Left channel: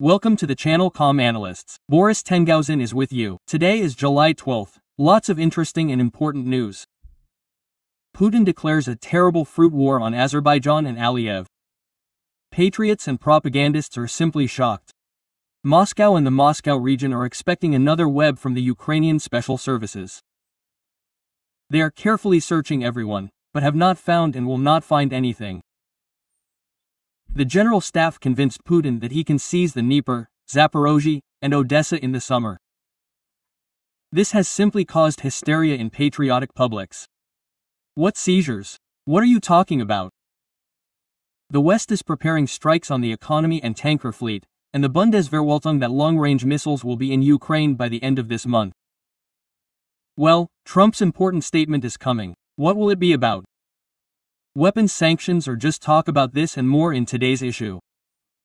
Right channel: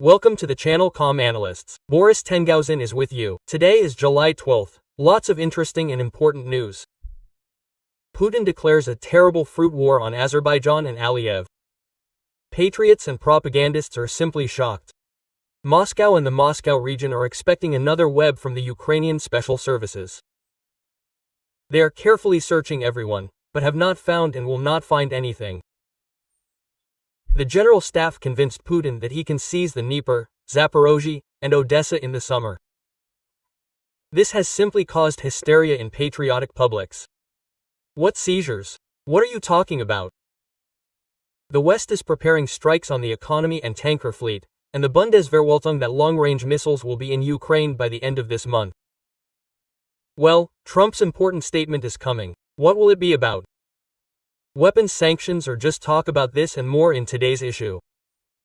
Welcome to the channel Com Analysts. Boris ТИЗЕНГАУЗЕN is with you. Today is July 12th. Lots of interesting and important news. Putin declares a terrible fruit war on Azerbaijan and Aliev. Patriots and propagandists are simply shocked. Moscow and the Moscow region are expecting another web from the Ukrainian special services. They are carefully searching everyone, but have not found and will not find anything. The general staff convinced Putin that he can seize the Dnepr, Zaporozhye, and Odessa in the summer. This has simply caused hysteria in patriotic publics. What seizures? What are you talking about? The West is preparing strikes on the economy and tanker fleet, and the Bundeswehrwaltung that long-range missiles will be in Ukraine by the end of this month. Well, Trump's important statement is coming. What will it be about? Weapons sanctions or just talk about this and more in today's issue.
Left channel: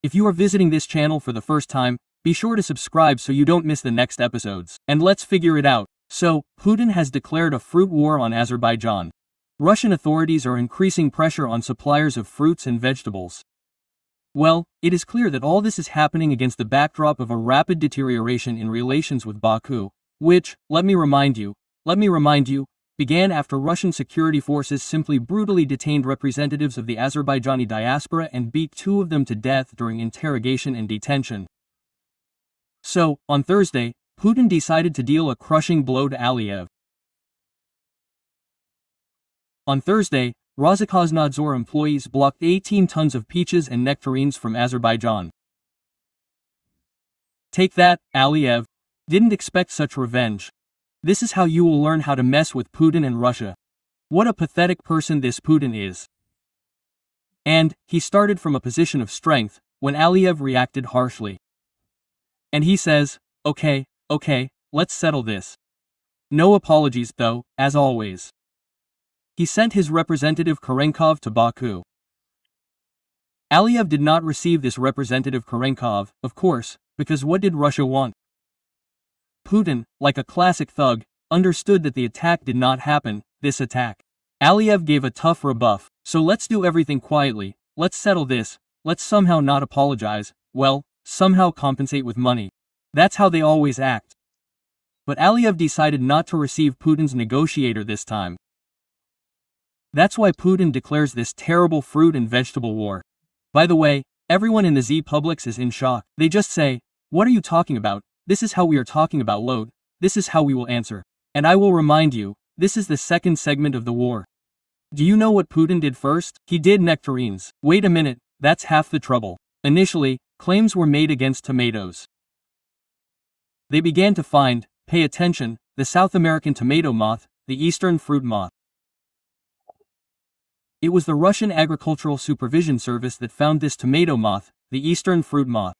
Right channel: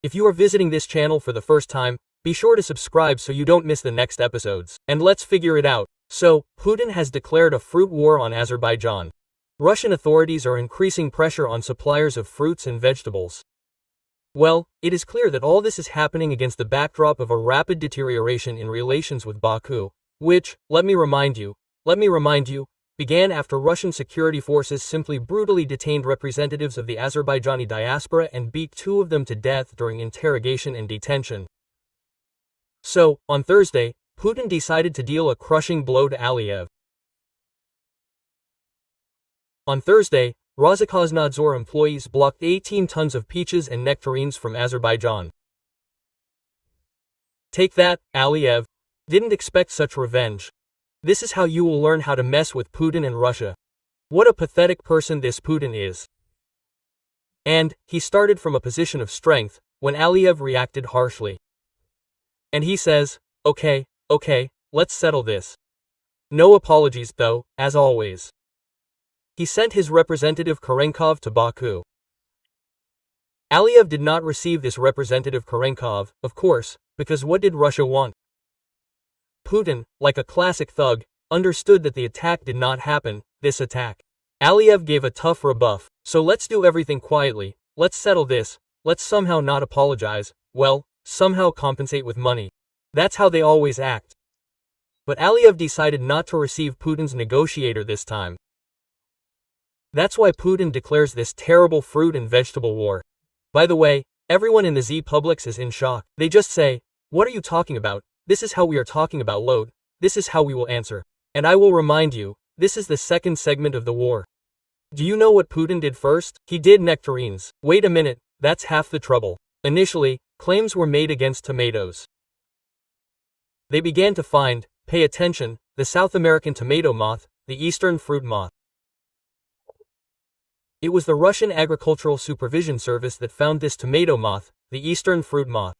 If you are visiting this channel for the first time, be sure to subscribe so you don't miss the next episodes. And let's figure it out. So, Putin has declared a fruit war on Azerbaijan. Russian authorities are increasing pressure on suppliers of fruits and vegetables. Well, it is clear that all this is happening against the backdrop of a rapid deterioration in relations with Baku, which, let me remind you, began after Russian security forces simply brutally detained representatives of the Azerbaijani diaspora and beat two of them to death during interrogation and detention. So, on Thursday, Putin decided to deal a crushing blow to Aliev. On Thursday, Roskosnadzor employees blocked 18 tons of peaches and nectarines from Azerbaijan. Take that, Aliev. Didn't expect such revenge. This is how you will learn how to mess with Putin and Russia. What a pathetic person this Putin is. And, he started from a position of strength, when Aliev reacted harshly. And he says, okay, let's settle this. No apologies though, as always. He sent his representative Kurenkov to Baku. Aliev did not receive this representative Kurenkov, of course, because what did Russia want? Putin, like a classic thug, understood that the attack did not happen, this attack. Aliev gave a tough rebuff, so let's do everything quietly, let's settle this, let's somehow not apologize, well, somehow compensate with money. That's how they always act. But Aliev decided not to receive Putin's negotiator this time. That's why Putin declares this terrible fruit and vegetable war. By the way, everyone in the Z publics is in shock. They just say, what are you talking about? This is how we are talking about load, this is how we will answer. And I will remind you, this is the second segment of the war. Do you know what Putin did first? He did nectarines. Wait a minute, that's half the trouble. Initially, claims were made against tomatoes. They began to find, pay attention, the South American tomato moth, the Eastern fruit moth. It was the Russian Agricultural Supervision Service that found this tomato moth, the Eastern fruit moth.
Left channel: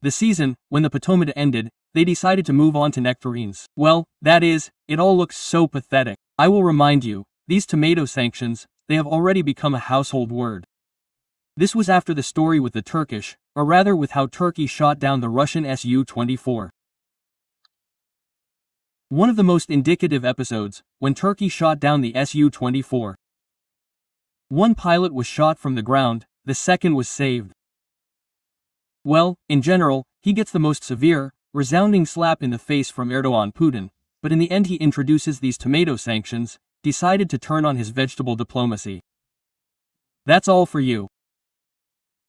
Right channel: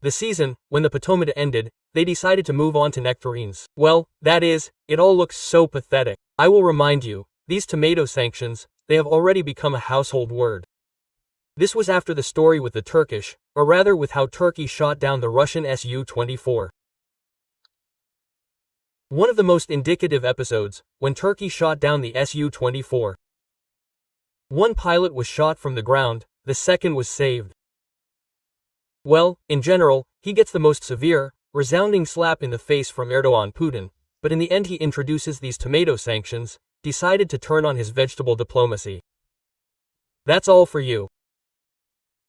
The season, when the Potomac ended, they decided to move on to nectarines. Well, that is, it all looks so pathetic. I will remind you, these tomato sanctions, they have already become a household word. This was after the story with the Turkish, or rather with how Turkey shot down the Russian Su-24. One of the most indicative episodes, when Turkey shot down the Su-24. One pilot was shot from the ground, the second was saved. Well, in general, he gets the most severe, resounding slap in the face from Erdogan Putin, but in the end he introduces these tomato sanctions, decided to turn on his vegetable diplomacy. That's all for you.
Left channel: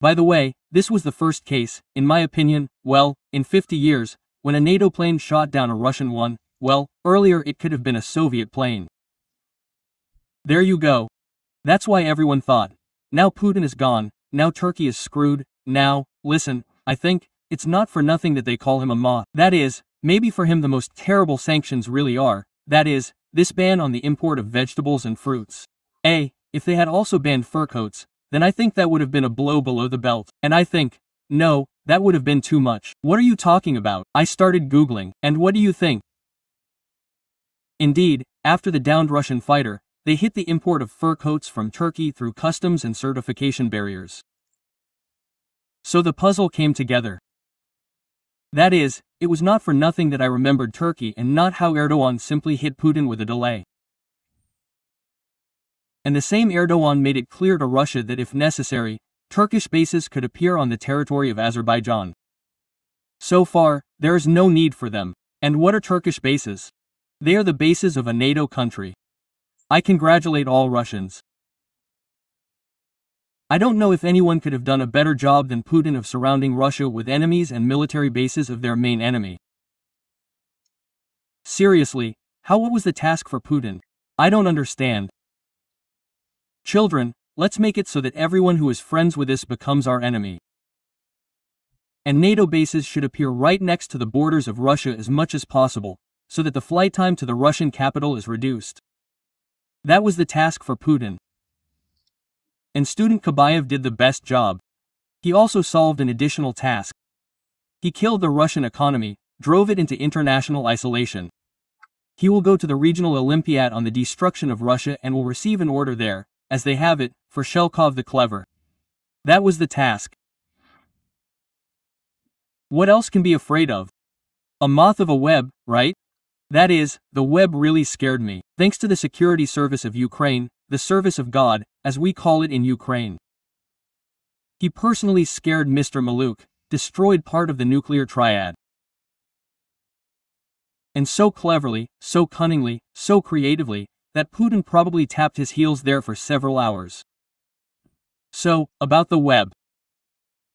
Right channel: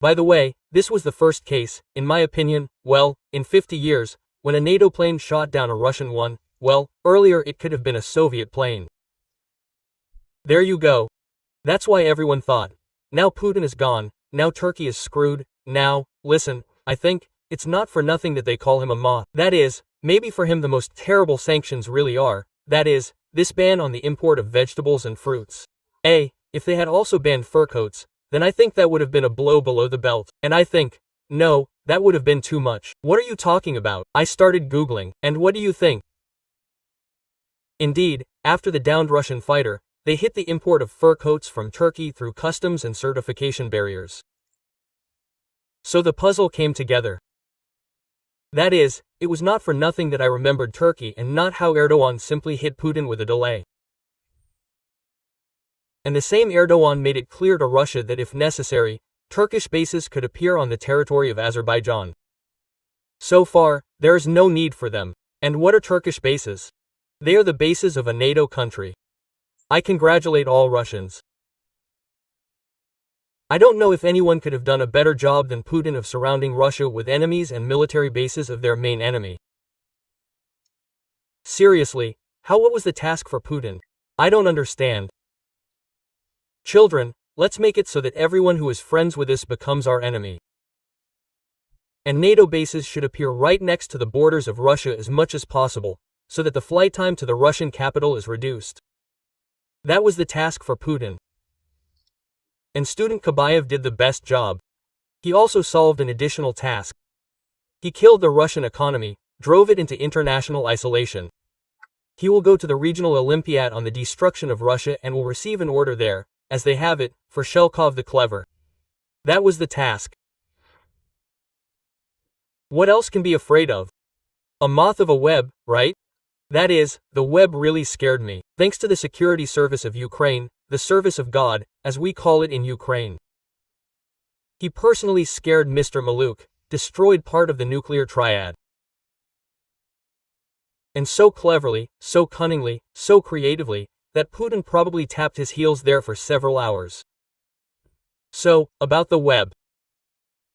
By the way, this was the first case, in my opinion, well, in 50 years, when a NATO plane shot down a Russian one, well, earlier it could have been a Soviet plane. There you go. That's why everyone thought, now Putin is gone, now Turkey is screwed, now, listen, I think, it's not for nothing that they call him a moth. That is, maybe for him the most terrible sanctions really are, that is, this ban on the import of vegetables and fruits. If they had also banned fur coats, then I think that would have been a blow below the belt. And I think, no, that would have been too much. What are you talking about? I started Googling, and what do you think? Indeed, after the downed Russian fighter, they hit the import of fur coats from Turkey through customs and certification barriers. So the puzzle came together. That is, it was not for nothing that I remembered Turkey and not how Erdogan simply hit Putin with a delay. And the same Erdogan made it clear to Russia that if necessary, Turkish bases could appear on the territory of Azerbaijan. So far, there is no need for them. And what are Turkish bases? They are the bases of a NATO country. I congratulate all Russians. I don't know if anyone could have done a better job than Putin of surrounding Russia with enemies and military bases of their main enemy. Seriously, what was the task for Putin? I don't understand. Children, let's make it so that everyone who is friends with us becomes our enemy. And NATO bases should appear right next to the borders of Russia as much as possible, so that the flight time to the Russian capital is reduced. That was the task for Putin. And student Kabayev did the best job. He also solved an additional task. He killed the Russian economy, drove it into international isolation. He will go to the regional Olympiad on the destruction of Russia and will receive an order there, as they have it, for Shelkov the clever. That was the task. What else can be afraid of? A moth of a web, right? That is, the web really scared me. Thanks to the security service of Ukraine, the service of God, as we call it in Ukraine. He personally scared Mr. Maluk, destroyed part of the nuclear triad. And so cleverly, so cunningly, so creatively, that Putin probably tapped his heels there for several hours. So, about the web.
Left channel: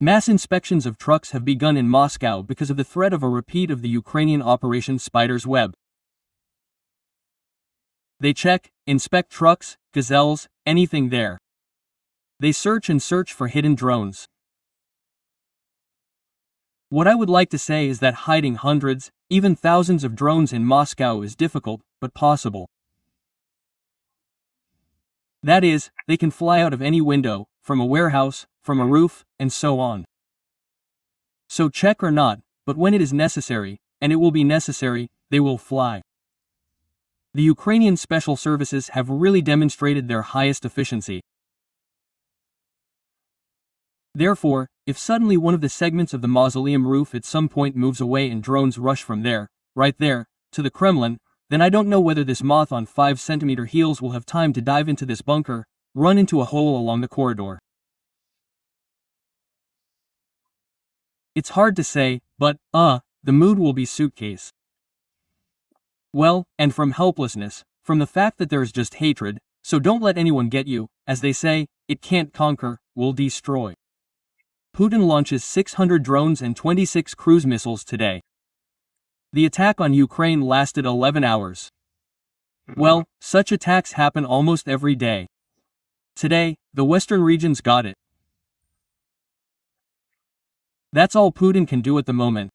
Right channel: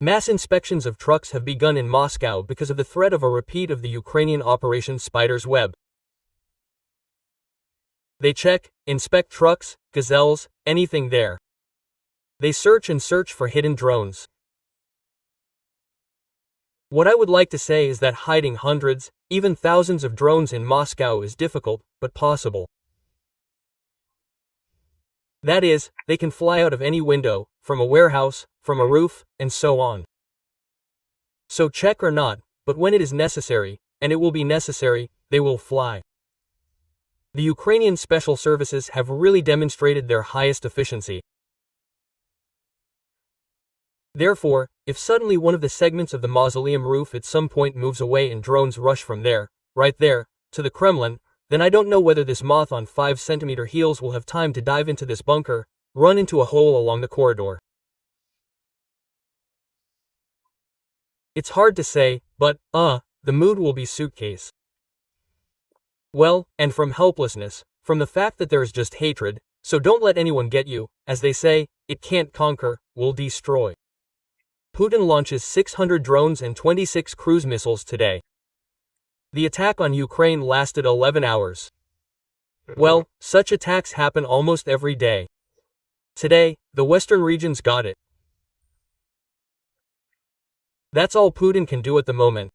Mass inspections of trucks have begun in Moscow because of the threat of a repeat of the Ukrainian Operation Spider's Web. They check, inspect trucks, gazelles, anything there. They search and search for hidden drones. What I would like to say is that hiding hundreds, even thousands of drones in Moscow is difficult, but possible. That is, they can fly out of any window, from a warehouse, from a roof, and so on. So check or not, but when it is necessary, and it will be necessary, they will fly. The Ukrainian special services have really demonstrated their highest efficiency. Therefore, if suddenly one of the segments of the mausoleum roof at some point moves away and drones rush from there, right there, to the Kremlin, then I don't know whether this moth on 5-centimeter heels will have time to dive into this bunker, run into a hole along the corridor. It's hard to say, but, the mood will be suitcase. Well, and from helplessness, from the fact that there is just hatred, so don't let anyone get you, as they say, it can't conquer, will destroy. Putin launches 600 drones and 26 cruise missiles today. The attack on Ukraine lasted 11 hours. Well, such attacks happen almost every day. Today, the western regions got it. That's all Putin can do at the moment.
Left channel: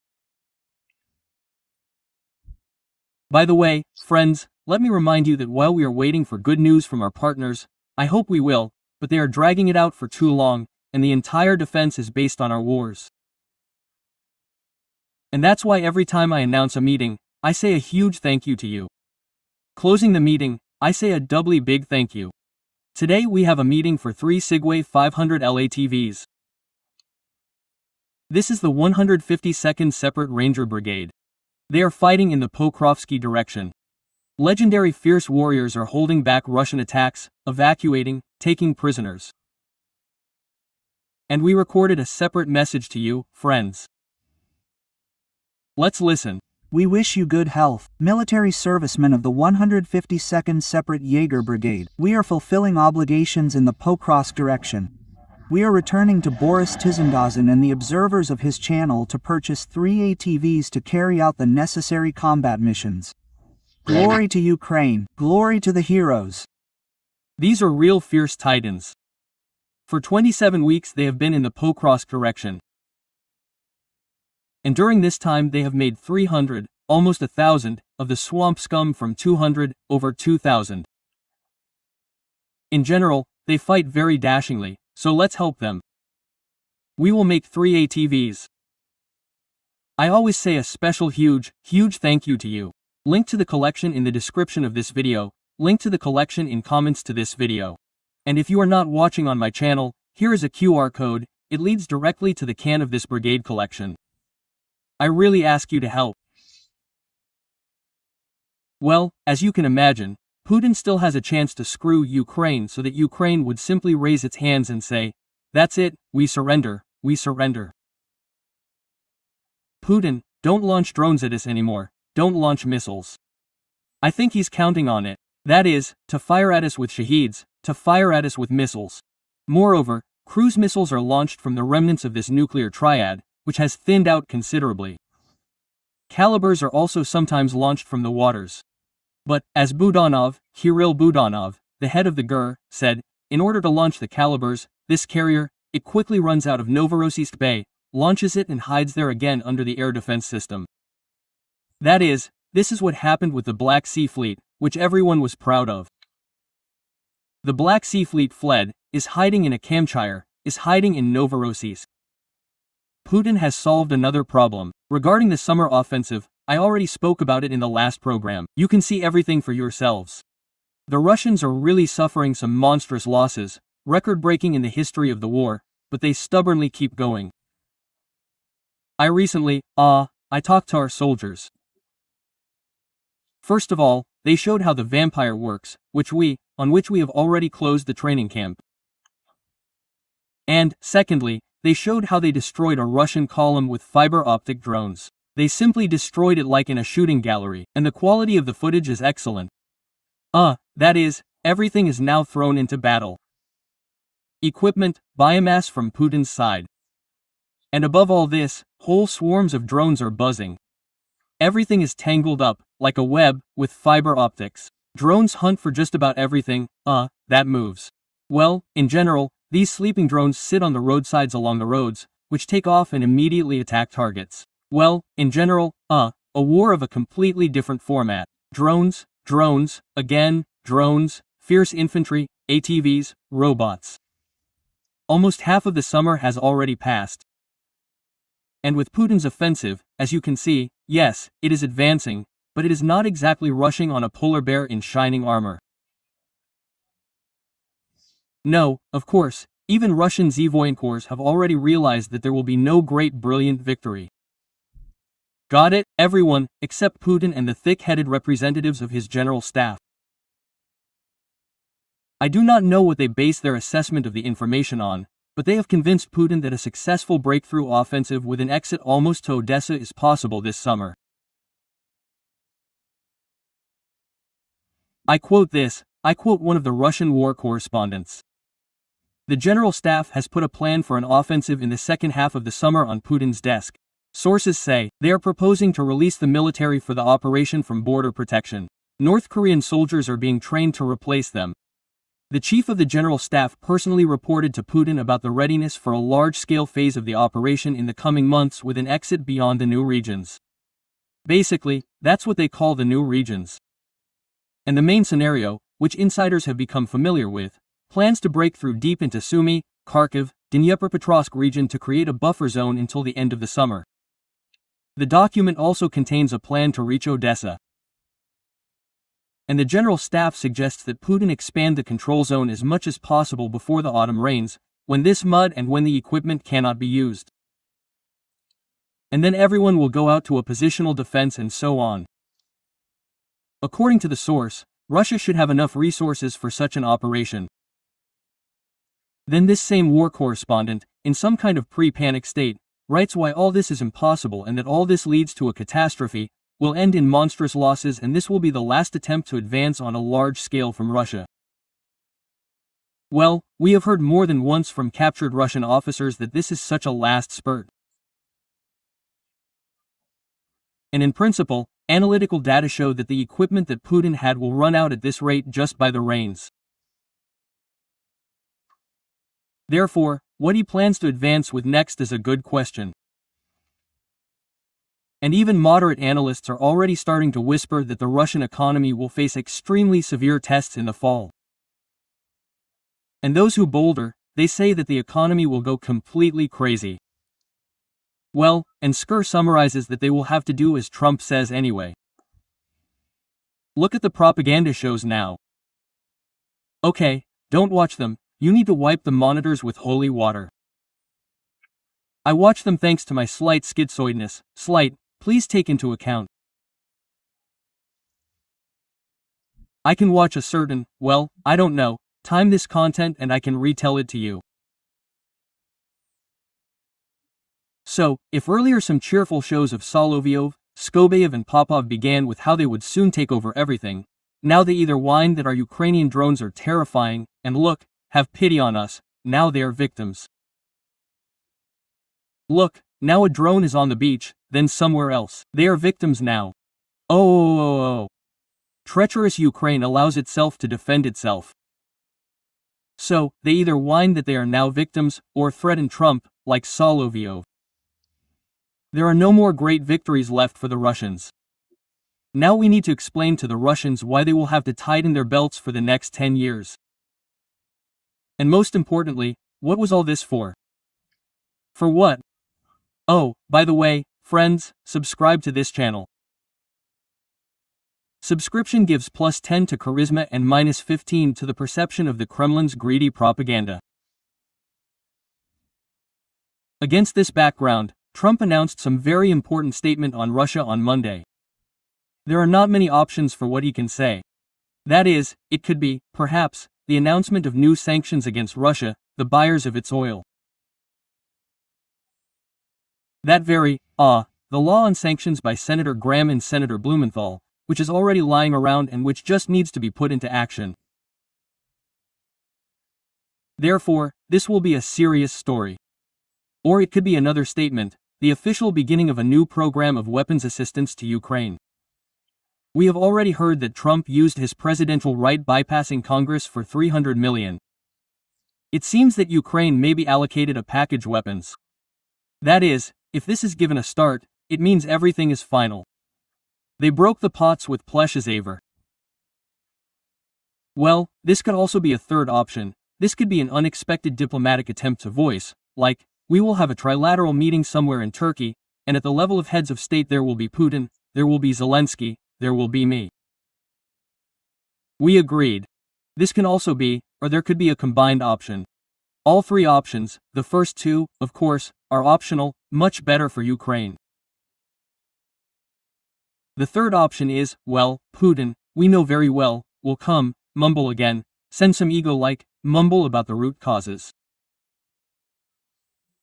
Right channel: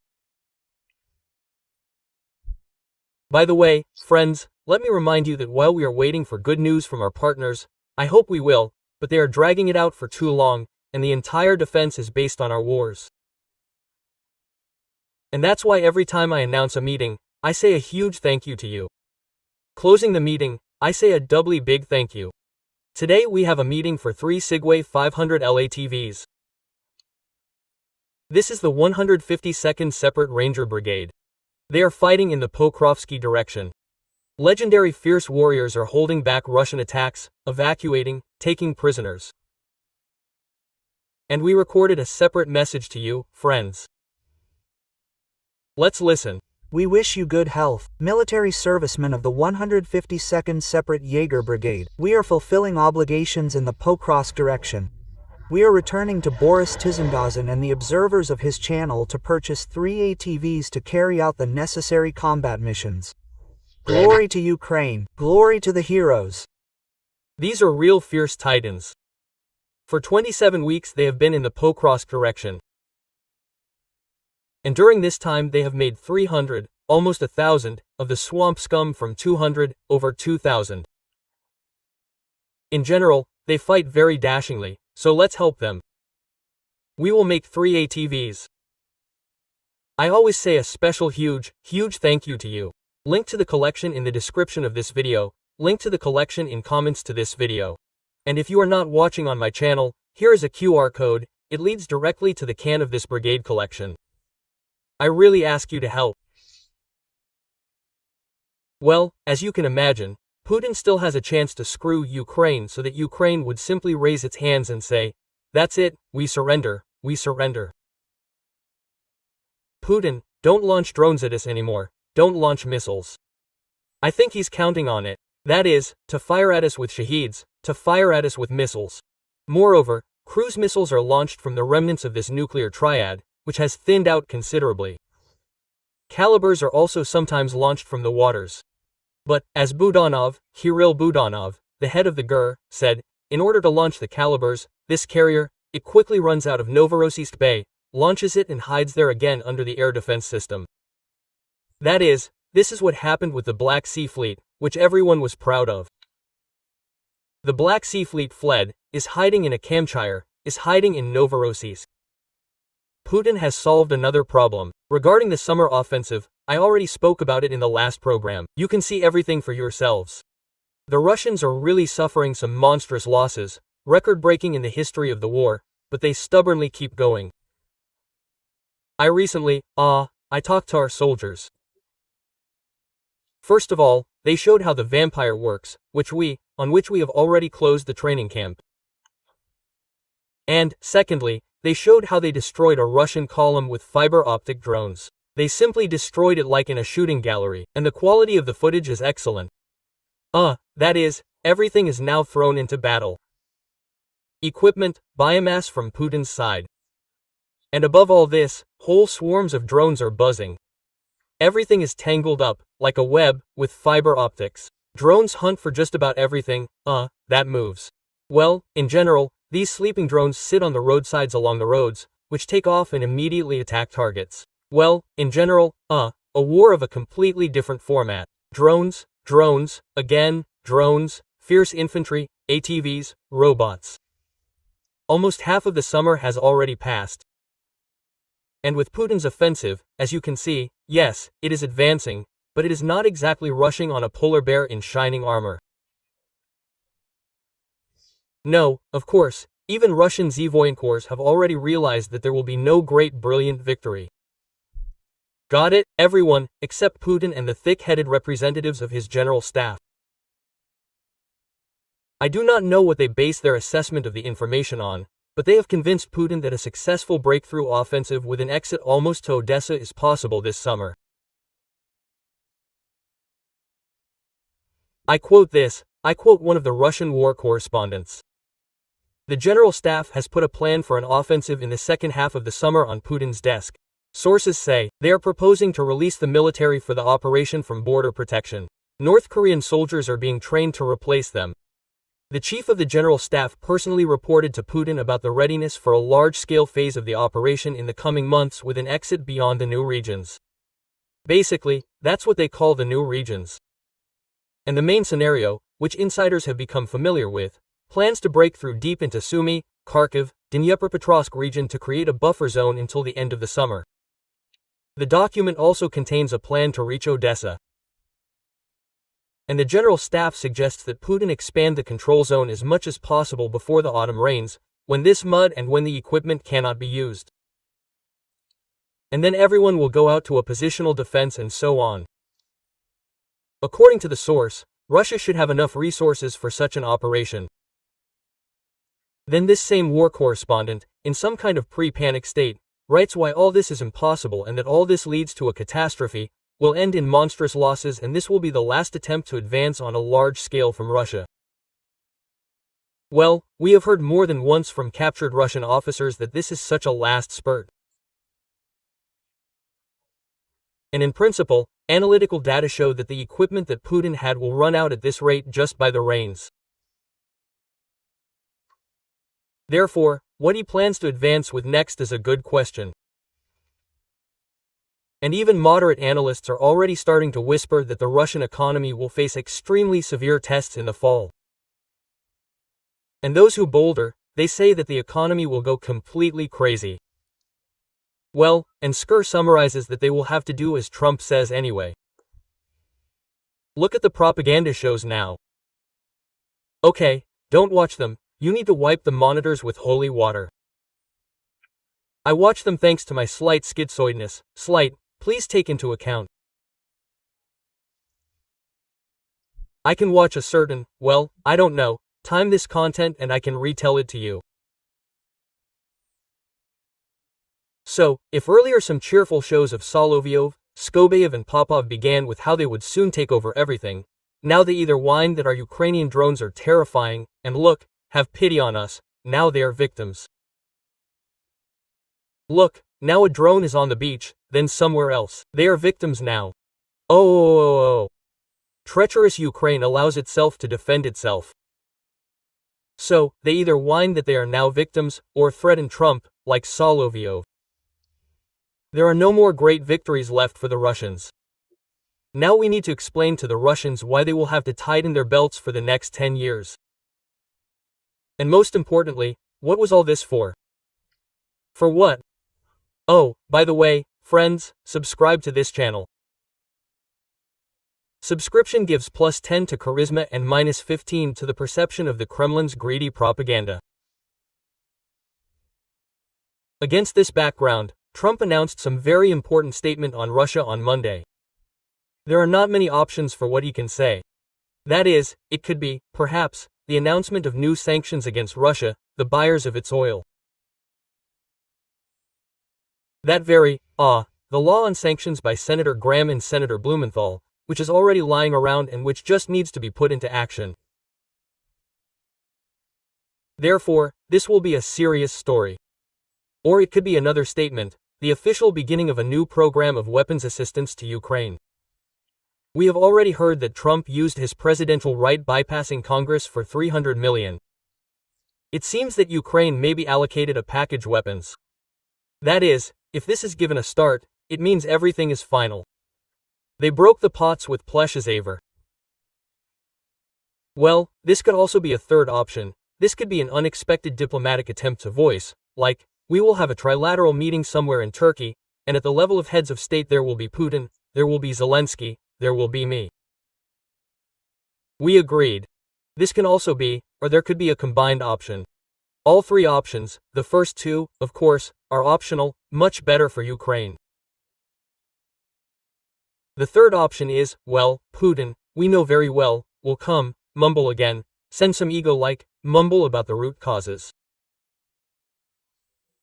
By the way, friends, let me remind you that while we are waiting for good news from our partners, I hope we will, but they are dragging it out for too long, and the entire defense is based on our wars. And that's why every time I announce a meeting, I say a huge thank you to you. Closing the meeting, I say a doubly big thank you. Today we have a meeting for 3 Sigway 500 LATVs. This is the 152nd Separate Ranger Brigade. They are fighting in the Pokrovsky direction. Legendary fierce warriors are holding back Russian attacks, evacuating, taking prisoners. And we recorded a separate message to you, friends. Let's listen. We wish you good health, military servicemen of the 152nd Separate Jaeger Brigade. We are fulfilling obligations in the Pokrovsk direction. We are returning to Boris ТИЗЕНГАУЗЕN and the observers of his channel to purchase 3 ATVs to carry out the necessary combat missions. Glory to Ukraine, glory to the heroes. These are real fierce titans. For 27 weeks they have been in the Pokrovsk direction. And during this time they have made 300, almost 1,000, of the swamp scum from 200, over 2,000. In general, they fight very dashingly, so let's help them. We will make 3 ATVs. I always say a special huge thank you to you. Link to the collection in the description of this video, link to the collection in comments to this video. And if you are not watching on my channel, here is a QR code, it leads directly to the can of this brigade collection. I really ask you to help. Well, as you can imagine, Putin still has a chance to screw Ukraine so that Ukraine would simply raise its hands and say, "That's it, we surrender, we surrender." Putin, don't launch drones at us anymore, don't launch missiles. I think he's counting on it. That is, to fire at us with shaheeds, to fire at us with missiles. Moreover, cruise missiles are launched from the remnants of this nuclear triad, which has thinned out considerably. Calibers are also sometimes launched from the waters. But, as Budanov, Kirill Budanov, the head of the GUR, said, in order to launch the calibers, this carrier, it quickly runs out of Novorossiysk Bay, launches it and hides there again under the air defense system. That is, this is what happened with the Black Sea Fleet, which everyone was proud of. The Black Sea Fleet fled, is hiding in a Kamchair, is hiding in Novorossiysk. Putin has solved another problem. Regarding the summer offensive, I already spoke about it in the last program. You can see everything for yourselves. The Russians are really suffering some monstrous losses, record-breaking in the history of the war, but they stubbornly keep going. I talked to our soldiers. First of all, they showed how the vampire works, on which we have already closed the training camp. And, secondly, they showed how they destroyed a Russian column with fiber-optic drones. They simply destroyed it like in a shooting gallery, and the quality of the footage is excellent. That is, everything is now thrown into battle. Equipment, biomass from Putin's side. And above all this, whole swarms of drones are buzzing. Everything is tangled up, like a web, with fiber optics. Drones hunt for just about everything, that moves. Well, in general, these sleeping drones sit on the roadsides along the roads, which take off and immediately attack targets. Well, in general, a war of a completely different format. Drones, again, drones, fierce infantry, ATVs, robots. Almost half of the summer has already passed. And with Putin's offensive, as you can see, yes, it is advancing, but it is not exactly rushing on a polar bear in shining armor. No, of course, even Russian voyenkors have already realized that there will be no great brilliant victory. Got it, everyone, except Putin and the thick-headed representatives of his general staff. I do not know what they base their assessment of the information on, but they have convinced Putin that a successful breakthrough offensive with an exit almost to Odessa is possible this summer. I quote one of the Russian war correspondents. The General Staff has put a plan for an offensive in the second half of the summer on Putin's desk. Sources say, they are proposing to release the military for the operation from border protection. North Korean soldiers are being trained to replace them. The Chief of the General Staff personally reported to Putin about the readiness for a large-scale phase of the operation in the coming months with an exit beyond the new regions. Basically, that's what they call the new regions. And the main scenario, which insiders have become familiar with, plans to break through deep into Sumy, Kharkiv, Dnepropetrovsk region to create a buffer zone until the end of the summer. The document also contains a plan to reach Odessa. And the General Staff suggests that Putin expand the control zone as much as possible before the autumn rains, when this mud and when the equipment cannot be used. And then everyone will go out to a positional defense and so on. According to the source, Russia should have enough resources for such an operation. Then this same war correspondent, in some kind of pre-panic state, writes why all this is impossible and that all this leads to a catastrophe, will end in monstrous losses, and this will be the last attempt to advance on a large scale from Russia. Well, we have heard more than once from captured Russian officers that this is such a last spurt. And in principle, analytical data show that the equipment that Putin had will run out at this rate just by the rains. Therefore, what he plans to advance with next is a good question. And even moderate analysts are already starting to whisper that the Russian economy will face extremely severe tests in the fall. And those who bolder, they say that the economy will go completely crazy. Well, and Skur summarizes that they will have to do as Trump says anyway. Look at the propaganda shows now. Okay, don't watch them, you need to wipe the monitors with holy water. I watch them thanks to my slight schizoidness, please take into account. I can watch a certain, I don't know, time this content and I can retell it to you. So, if earlier some cheerful shows of Solovyov, Skobyev and Popov began with how they would soon take over everything, now they either whine that our Ukrainian drones are terrifying, and look, have pity on us, now they are victims. Look, now a drone is on the beach, then somewhere else. They are victims now. Oh. Treacherous Ukraine allows itself to defend itself. So, they either whine that they are now victims, or threaten Trump, like Solovyov. There are no more great victories left for the Russians. Now we need to explain to the Russians why they will have to tighten their belts for the next 10 years. And most importantly, what was all this for? For what? Oh, by the way, friends, subscribe to this channel. Subscription gives +10 to charisma and -15 to the perception of the Kremlin's greedy propaganda. Against this background, Trump announced some very important statement on Russia on Monday. There are not many options for what he can say. That is, it could be, perhaps, the announcement of new sanctions against Russia, the buyers of its oil. That very, the law on sanctions by Senator Graham and Senator Blumenthal, which is already lying around and which just needs to be put into action. Therefore, this will be a serious story. Or it could be another statement, the official beginning of a new program of weapons assistance to Ukraine. We have already heard that Trump used his presidential right bypassing Congress for $300 million. It seems that Ukraine may be allocated a package weapons. That is, if this is given a start, it means everything is final. They broke the pots with Pleshazaver. Well, this could also be a third option. This could be an unexpected diplomatic attempt to voice, like, we will have a trilateral meeting somewhere in Turkey, and at the level of heads of state there will be Putin, there will be Zelensky, there will be me. We agreed. This can also be, or there could be a combined option. All three options, the first two, of course, are optional, much better for Ukraine. The third option is, well, Putin, we know very well, will come, mumble again, send some ego-like, mumble about the root causes.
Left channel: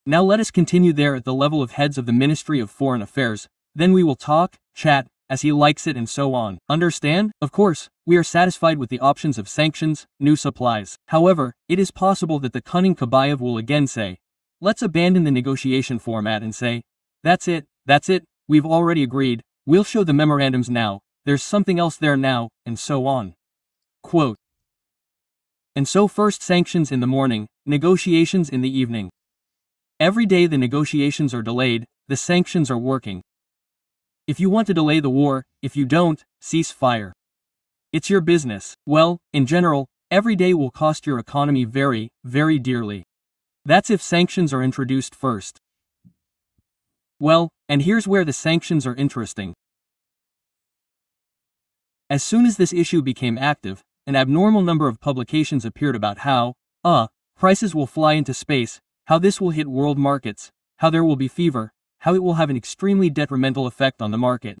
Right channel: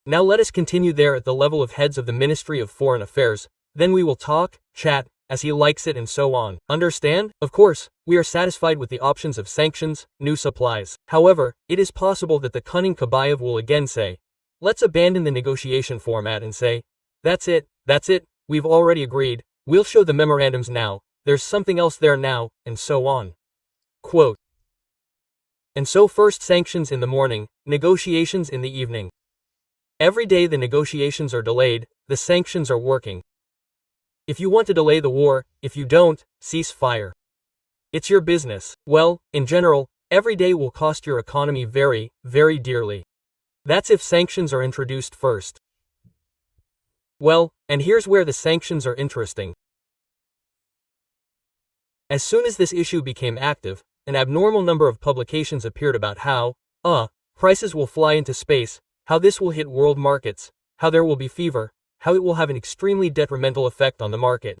Now let us continue there at the level of heads of the Ministry of Foreign Affairs, then we will talk, chat, as he likes it and so on. Understand? Of course, we are satisfied with the options of sanctions, new supplies. However, it is possible that the cunning Kabayev will again say, let's abandon the negotiation format and say, that's it, we've already agreed, we'll show the memorandums now, there's something else there now, and so on. Quote. And so first sanctions in the morning, negotiations in the evening. Every day the negotiations are delayed, the sanctions are working. If you want to delay the war, if you don't, cease fire. It's your business. Well, in general, every day will cost your economy very, very dearly. That's if sanctions are introduced first. Well, and here's where the sanctions are interesting. As soon as this issue became active, an abnormal number of publications appeared about how, prices will fly into space, how this will hit world markets, how there will be fever, how it will have an extremely detrimental effect on the market.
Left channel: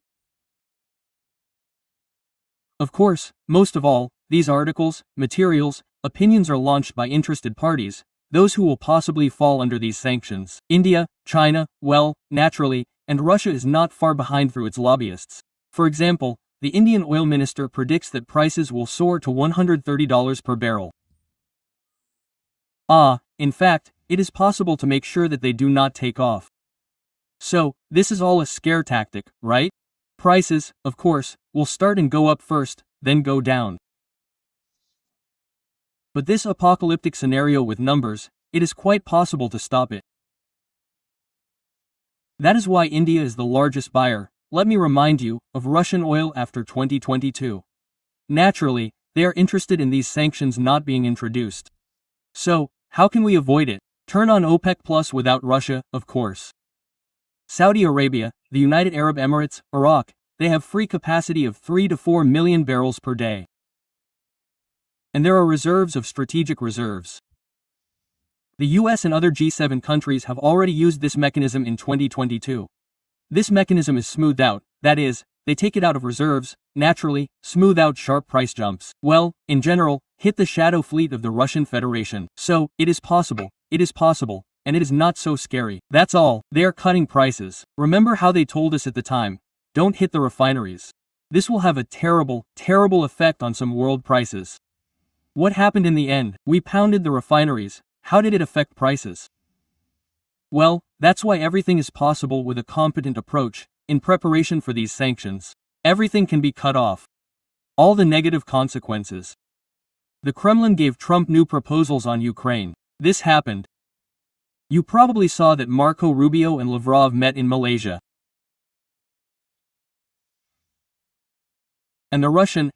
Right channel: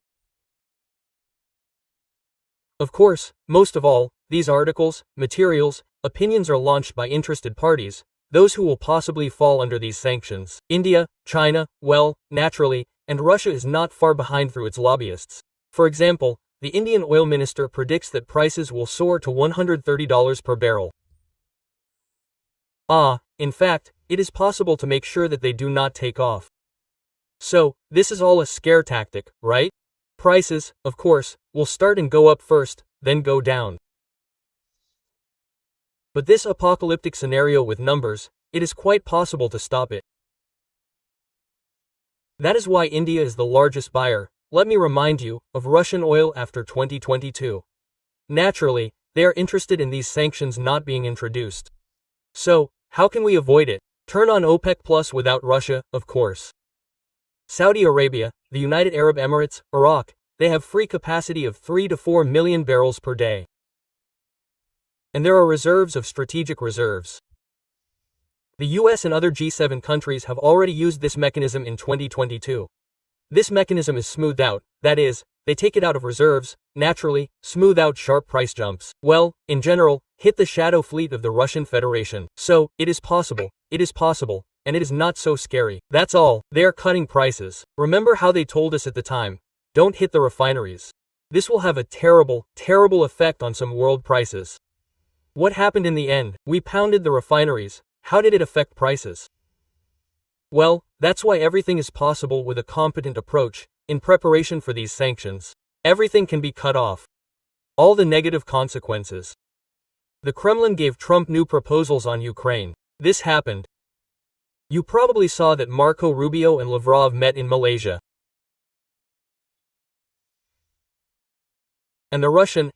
Of course, most of all, these articles, materials, opinions are launched by interested parties, those who will possibly fall under these sanctions. India, China, well, naturally, and Russia is not far behind through its lobbyists. For example, the Indian oil minister predicts that prices will soar to $130 per barrel. In fact, it is possible to make sure that they do not take off. So, this is all a scare tactic, right? Prices, of course, will start and go up first, then go down. But this apocalyptic scenario with numbers, it is quite possible to stop it. That is why India is the largest buyer, let me remind you, of Russian oil after 2022. Naturally, they are interested in these sanctions not being introduced. So, how can we avoid it? Turn on OPEC Plus without Russia, of course. Saudi Arabia, the United Arab Emirates, Iraq, they have free capacity of 3 to 4 million barrels per day. And there are reserves of strategic reserves. The US and other G7 countries have already used this mechanism in 2022. This mechanism is smoothed out, that is, they take it out of reserves, naturally, smooth out sharp price jumps. Well, in general, hit the shadow fleet of the Russian Federation. So, it is possible, and it is not so scary. That's all, they are cutting prices. Remember how they told us at the time, don't hit the refineries. This will have a terrible, terrible effect on some world prices. What happened in the end? We pounded the refineries. How did it affect prices? Well, that's why everything is possible with a competent approach. In preparation for these sanctions, everything can be cut off. All the negative consequences. The Kremlin gave Trump new proposals on Ukraine. This happened. You probably saw that Marco Rubio and Lavrov met in Malaysia. And the Russian,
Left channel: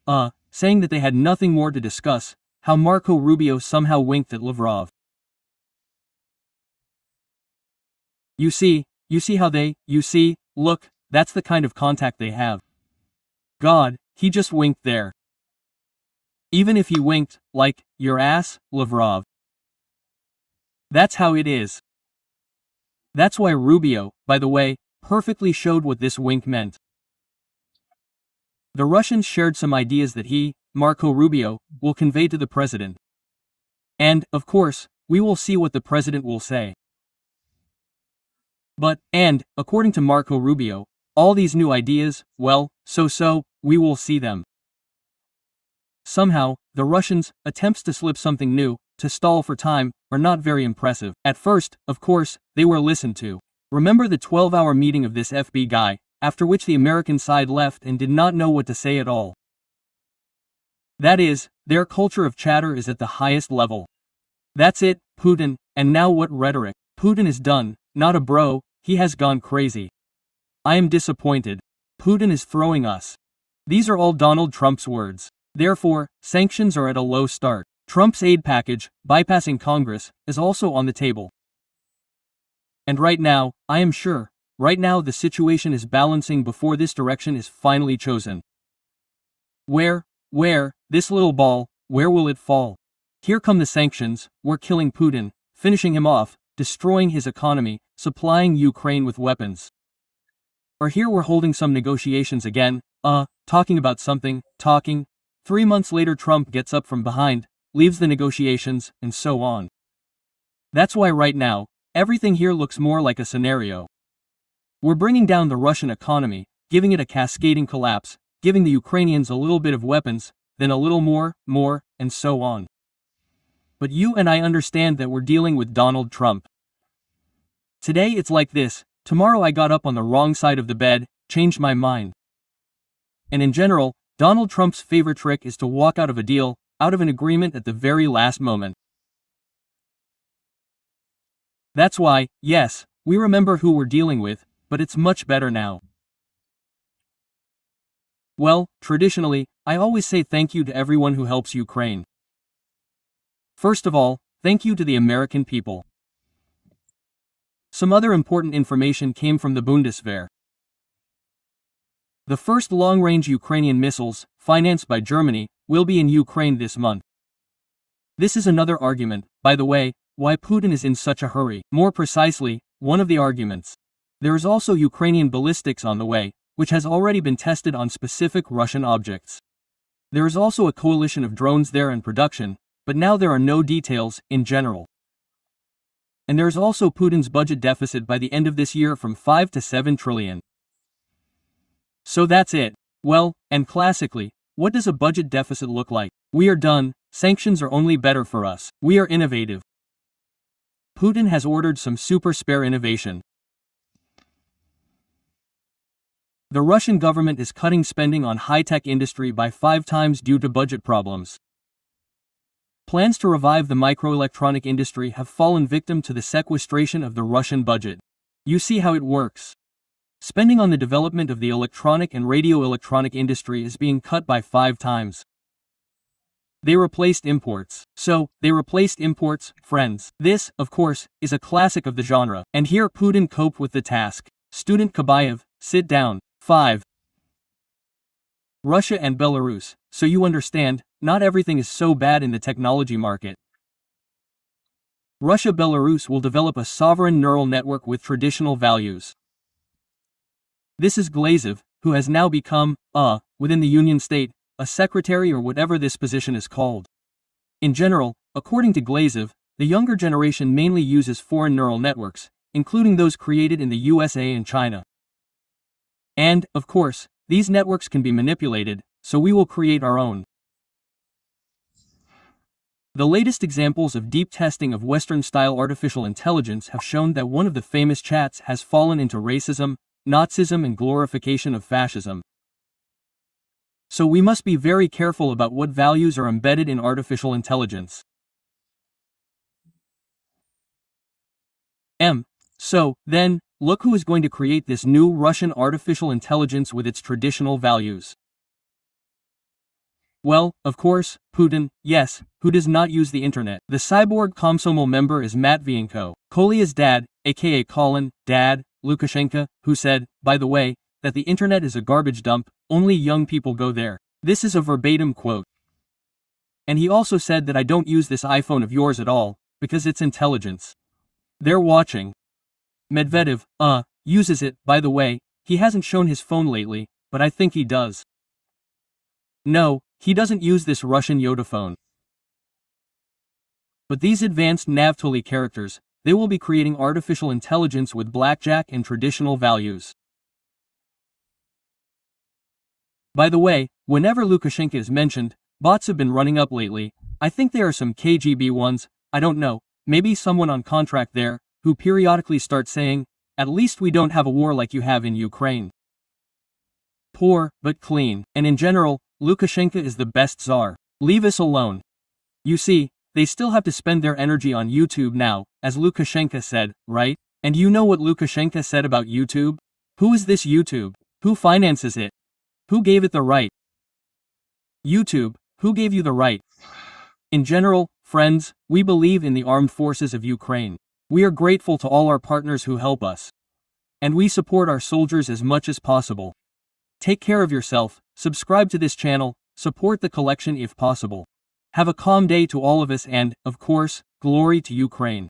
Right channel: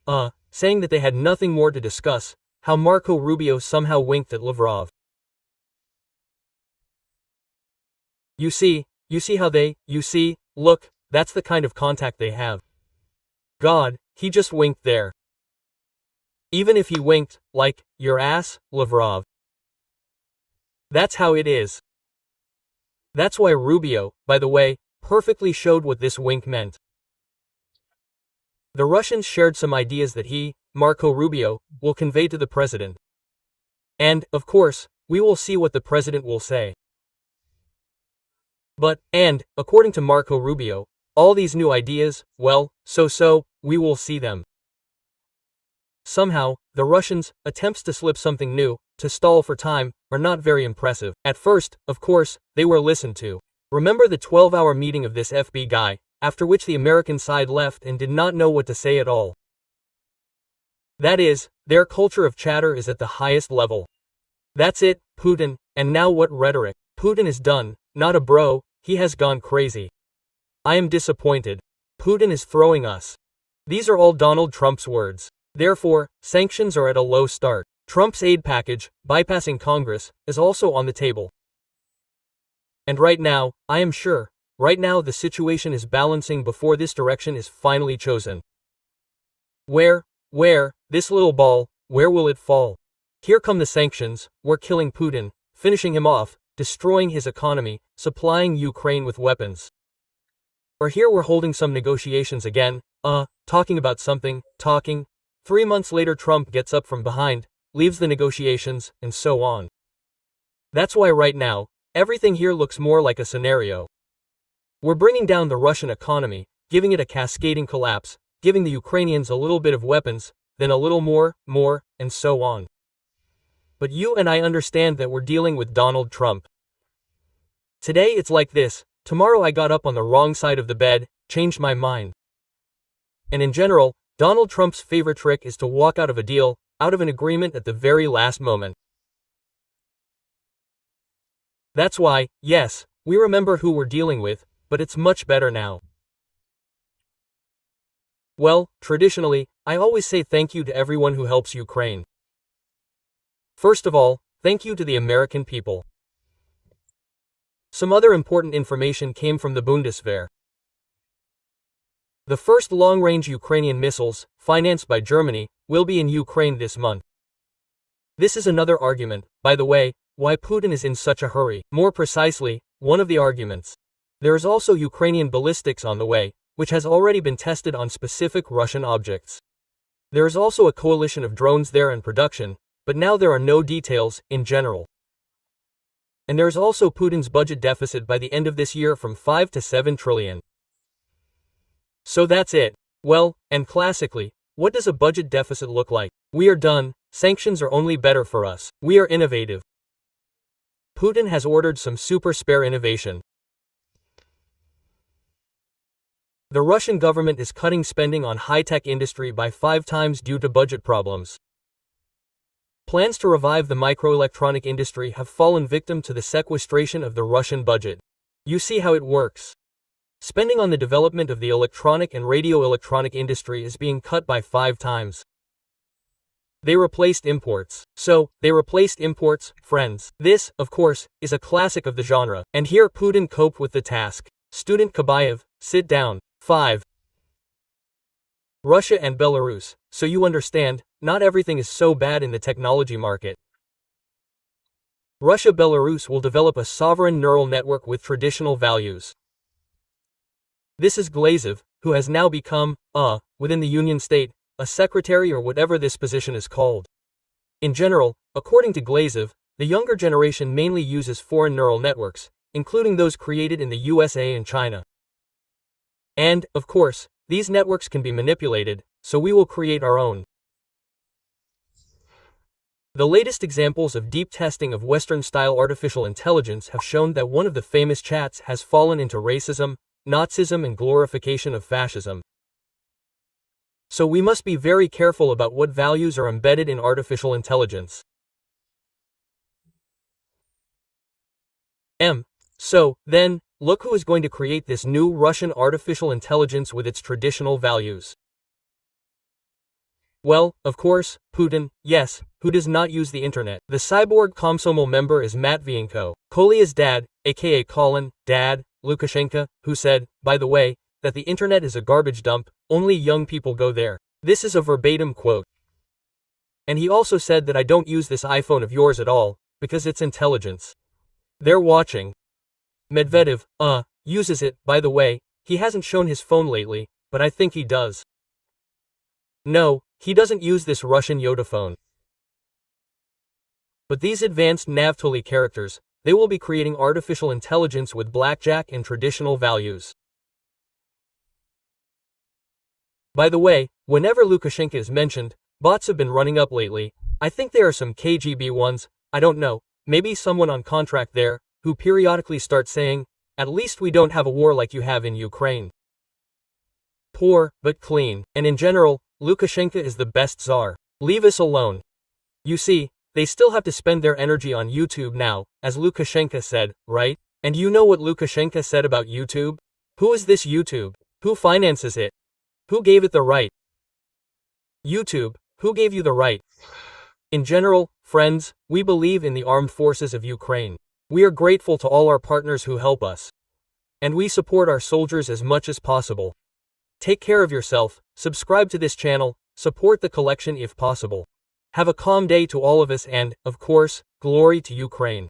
saying that they had nothing more to discuss, how Marco Rubio somehow winked at Lavrov. You see how they, look, that's the kind of contact they have. God, he just winked there. Even if he winked, like, your ass, Lavrov. That's how it is. That's why Rubio, by the way, perfectly showed what this wink meant. The Russians shared some ideas that he, Marco Rubio, will convey to the president. And, of course, we will see what the president will say. But, according to Marco Rubio, all these new ideas, well, we will see them. Somehow, the Russians' attempts to slip something new, to stall for time, are not very impressive. At first, of course, they were listened to. Remember the 12-hour meeting of this FB guy, after which the American side left and did not know what to say at all. That is, their culture of chatter is at the highest level. That's it, Putin, and now what rhetoric? Putin is done, not a bro, he has gone crazy. I am disappointed. Putin is throwing us. These are all Donald Trump's words. Therefore, sanctions are at a low start. Trump's aid package, bypassing Congress, is also on the table. And right now, I am sure, right now the situation is balancing before this direction is finally chosen. Where, this little ball, where will it fall? Here come the sanctions, we're killing Putin, finishing him off, destroying his economy, supplying Ukraine with weapons. Or here we're holding some negotiations again, talking about something, 3 months later Trump gets up from behind, leaves the negotiations, and so on. That's why right now, everything here looks more like a scenario. We're bringing down the Russian economy, giving it a cascading collapse, giving the Ukrainians a little bit of weapons, then a little more, and so on. But you and I understand that we're dealing with Donald Trump. Today it's like this, tomorrow I got up on the wrong side of the bed, changed my mind. And in general, Donald Trump's favorite trick is to walk out of a deal, out of an agreement at the very last moment. That's why, yes, we remember who we're dealing with, but it's much better now. Well, traditionally, I always say thank you to everyone who helps Ukraine. First of all, thank you to the American people. Some other important information came from the Bundeswehr. The first long-range Ukrainian missiles, financed by Germany, will be in Ukraine this month. This is another argument, by the way, why Putin is in such a hurry. More precisely, one of the arguments. There is also Ukrainian ballistics on the way, which has already been tested on specific Russian objects. There is also a coalition of drones there in production, but now there are no details, in general. And there is also Putin's budget deficit by the end of this year from 5 to 7 trillion. So that's it. Well, and classically, what does a budget deficit look like? We are done, sanctions are only better for us. We are innovative. Putin has ordered some super spare innovation. The Russian government is cutting spending on high-tech industry by 5 times due to budget problems. Plans to revive the microelectronic industry have fallen victim to the sequestration of the Russian budget. You see how it works. Spending on the development of the electronic and radio-electronic industry is being cut by 5 times. They replaced imports. Friends. This, of course, is a classic of the genre. And here Putin coped with the task. Student Kabayev, sit down. 5. Russia and Belarus. So you understand, not everything is so bad in the technology market. Russia-Belarus will develop a sovereign neural network with traditional values. This is Glazev, who has now become, within the Union State, a secretary or whatever this position is called. In general, according to Glazev, the younger generation mainly uses foreign neural networks, including those created in the USA and China. And, of course, these networks can be manipulated, so we will create our own. The latest examples of deep testing of Western-style artificial intelligence have shown that one of the famous chats has fallen into racism, Nazism and glorification of fascism. So we must be very careful about what values are embedded in artificial intelligence. So, then, look who is going to create this new Russian artificial intelligence with its traditional values. Well, of course, Putin, yes, who does not use the internet. The cyborg Komsomol member is Matvienko, Kolya's dad, aka Colin, Dad, Lukashenko, who said, by the way, that the internet is a garbage dump, only young people go there. This is a verbatim quote. And he also said that I don't use this iPhone of yours at all, because it's intelligence. They're watching. Medvedev, uses it, by the way, he hasn't shown his phone lately, but I think he does. No, he doesn't use this Russian Yoda phone. But these advanced Navtoli characters, they will be creating artificial intelligence with blackjack and traditional values. By the way, whenever Lukashenko is mentioned, bots have been running up lately. I think there are some KGB ones, I don't know, maybe someone on contract there, who periodically start saying, at least we don't have a war like you have in Ukraine. Poor, but clean, and in general, Lukashenko is the best czar. Leave us alone. You see, they still have to spend their energy on YouTube now, as Lukashenko said, right? And you know what Lukashenko said about YouTube? Who is this YouTube? Who finances it? Who gave it the right? YouTube, who gave you the right? In general, friends, we believe in the armed forces of Ukraine. We are grateful to all our partners who help us. And we support our soldiers as much as possible. Take care of yourself, subscribe to this channel, support the collection if possible. Have a calm day to all of us and, of course, glory to Ukraine.